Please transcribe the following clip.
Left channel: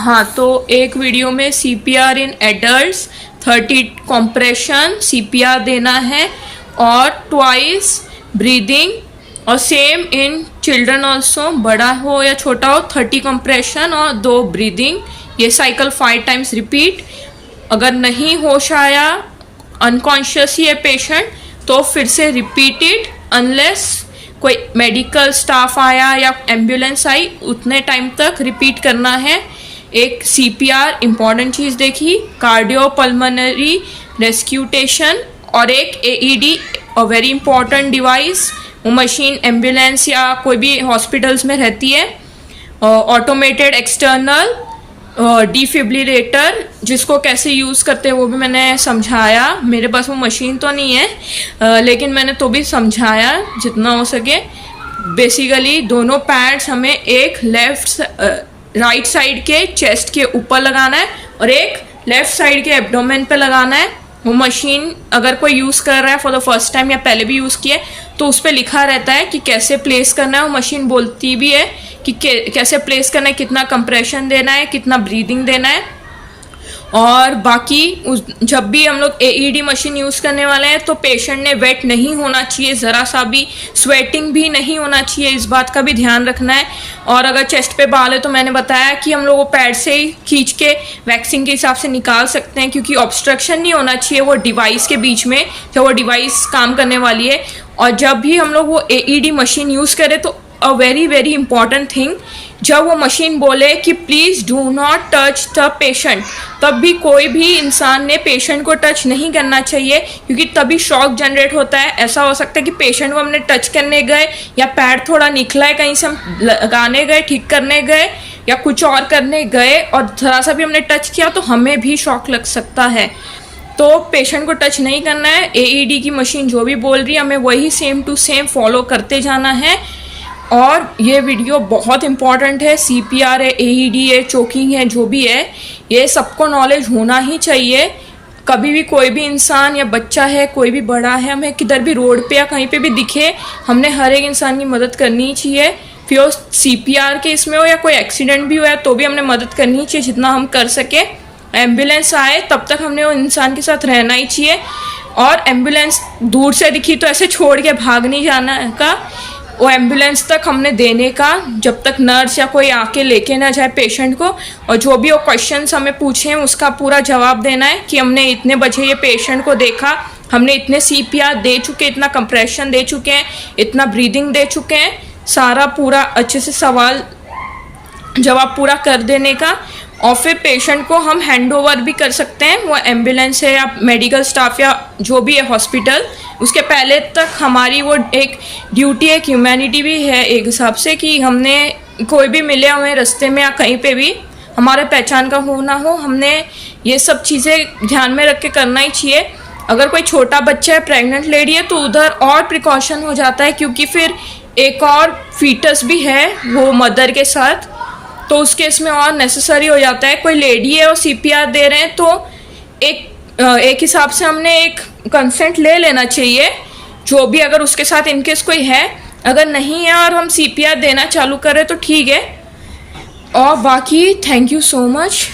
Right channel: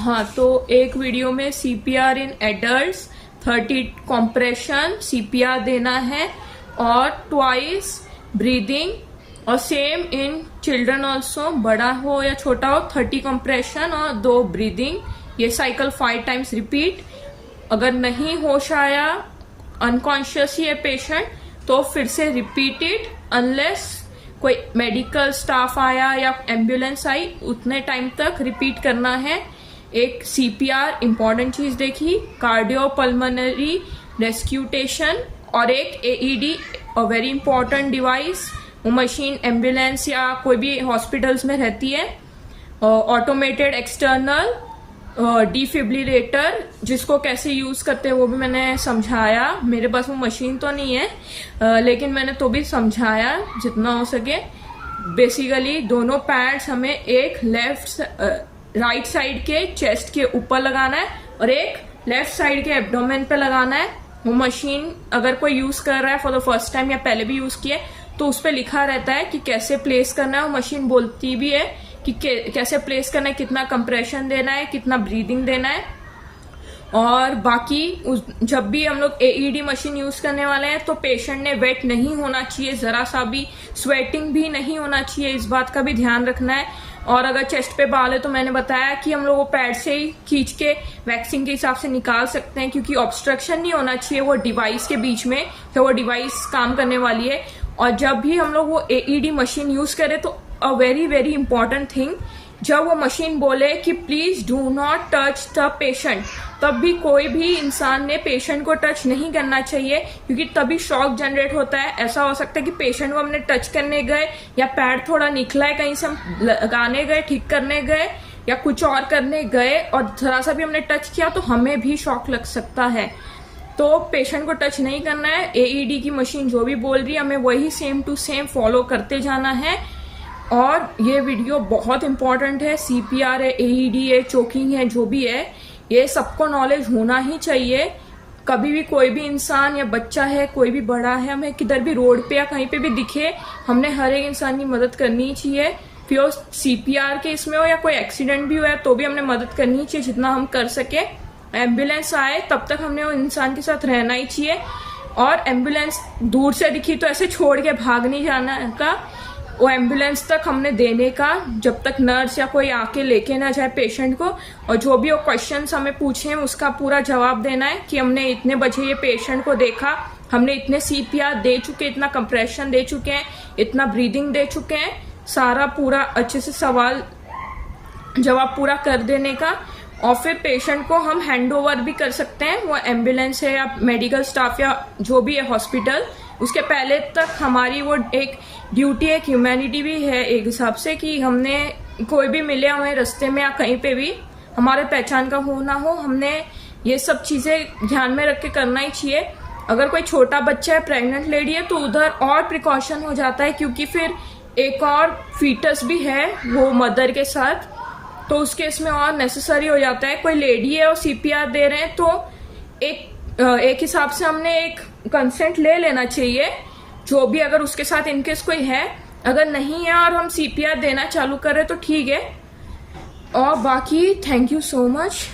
हाँ, तो एक वीडियो में CPR in adults 30 compression CPR देना है और ट्वाइस ब्रीदिंग, और सेम इन चिल्ड्रन ऑल्सो, बड़ा हो या छोटा हो, 30 कंप्रेशन और 2 ब्रीदिंग। ये साइकिल 5 टाइम्स रिपीट। अगर नहीं होश आया, अनकॉन्शियस ये पेशेंट, तो फिर से रिपीटेड अनलेस कोई मेडिकल स्टाफ आया या एम्बुलेंस आई, उतने टाइम तक रिपीट करना है। एक CPR इम्पॉर्टेंट चीज़ देखी, कार्डियो पल्मोनरी रेस्क्यूटेशन, और एक AED वेरी इंपॉर्टेंट डिवाइस। वो मशीन एम्बुलेंस या कोई भी हॉस्पिटल्स में रहती है। ऑटोमेटेड एक्सटर्नल डिफिब्रिलेटर, जिसको कैसे यूज़ करते हैं वो भी मैंने समझाया। मेरे पास वो मशीन तो नहीं है, लेकिन मैंने तो भी समझाया जितना हो सके। बेसिकली दोनों पैड्स हमें एक राइट साइड के चेस्ट के ऊपर लगाना है और एक लेफ्ट साइड के एब्डोमेन पे लगाना है। वो मशीन अगर कोई यूज़ कर रहा है फॉर द फर्स्ट टाइम या पहले भी यूज़ किया तो उस पर लिखा रहता है कि कैसे प्लेस करना है। वो मशीन बोलती भी है कि कैसे प्लेस करना है, कितना कंप्रेशन देना है, कितना ब्रीदिंग देना है। और बाकी जब भी हम लोग AED मशीन यूज़ करने वाले हैं तो पेशेंट ने वेट नहीं होना चाहिए, ज़रा सा भी स्वेटिंग भी नहीं होना चाहिए, इस बात का भी ध्यान रखना है। और अगर चेस्ट पे बाल है तो मैंने बताया कि हम लोग वो पैड से ही खींच के वैक्सिंग के हिसाब से निकाल सकते हैं, क्योंकि ऑब्स्ट्रक्शन नहीं होना चाहिए वो डिवाइस के बीच में जब वो डिवाइस काम करने वाली है। और जब भी हम लोग वो AED मशीन यूज़ करें तो a very very important thing, जब वो मशीन बोले कि please do not touch the patient, तब भी कोई भी इंसान ने पेशेंट को टच नहीं करना चाहिए, क्योंकि तभी शॉक जनरेट होता है। ऐसा हो सकता है कि पेशेंट को हमने टच करने गए या पैड थोड़ा निकला है कहीं से, हम लगाने गए, ठीक करने गए या कुछ और करने गए और ज़रा सा भी हमने टच किया तो हमें भी शॉक लग सकता है। तो पेशेंट को टच नहीं करना है। AED की मशीन जो भी बोल रही है हमें वही सेम टू सेम फॉलो करते जाना है। और ये वीडियो बहुत इंपॉर्टेंट है। CPR है, AED है, चोकिंग है, जो भी है ये सबको नॉलेज होना ही चाहिए। कभी भी कोई भी इंसान या बच्चा है, कोई भी बड़ा है, हमें किधर भी रोड पे या कहीं पे भी दिखे, हमने हर एक इंसान की मदद करनी चाहिए। फिर वो CPR के इसमें हो या कोई एक्सीडेंट भी हो तो भी हमने मदद करनी चाहिए जितना हम कर सके। एम्बुलेंस आए तब तक हमने वो इंसान के साथ रहना ही चाहिए। और एम्बुलेंस दूर से दिखी तो ऐसे छोड़ के भाग नहीं जाना का, वो एम्बुलेंस तक हमने देने का जब तक नर्स या कोई आके लेके ना जाए पेशेंट को। और जो भी वो क्वेश्चंस हमें पूछे हैं उसका पूरा जवाब देना है कि हमने इतने बजे ये पेशेंट को देखा, हमने इतने CPR दे चुके, इतना कंप्रेशन दे चुके हैं, इतना ब्रीदिंग दे चुके हैं। सारा पूरा अच्छे से सवाल जवाब पूरा कर देने का। और फिर पेशेंट को हम हैंड ओवर भी कर सकते हैं, वो एम्बुलेंस है या मेडिकल स्टाफ या जो भी है हॉस्पिटल, उसके पहले तक हमारी वो एक ड्यूटी, एक ह्यूमैनिटी भी है एक हिसाब से, कि हमने कोई भी मिले हमें रास्ते में या कहीं पे भी, हमारे पहचान का हो ना हो, हमने ये सब चीज़ें ध्यान में रख के करना ही चाहिए। अगर कोई छोटा बच्चा है, प्रेग्नेंट लेडी है, तो उधर और प्रिकॉशन हो जाता है, क्योंकि फिर एक और फीटस भी है वो मदर के साथ, तो उस केस में और नेसेसरी हो जाता है। कोई लेडी है और CPR दे रहे हैं तो एक हिसाब से हमने एक कंसेंट ले लेना चाहिए, जो भी अगर उसके साथ इनकेस कोई है। अगर नहीं है और हम CPR देना चालू करें तो ठीक है। और बाकी थैंक यू सो मच।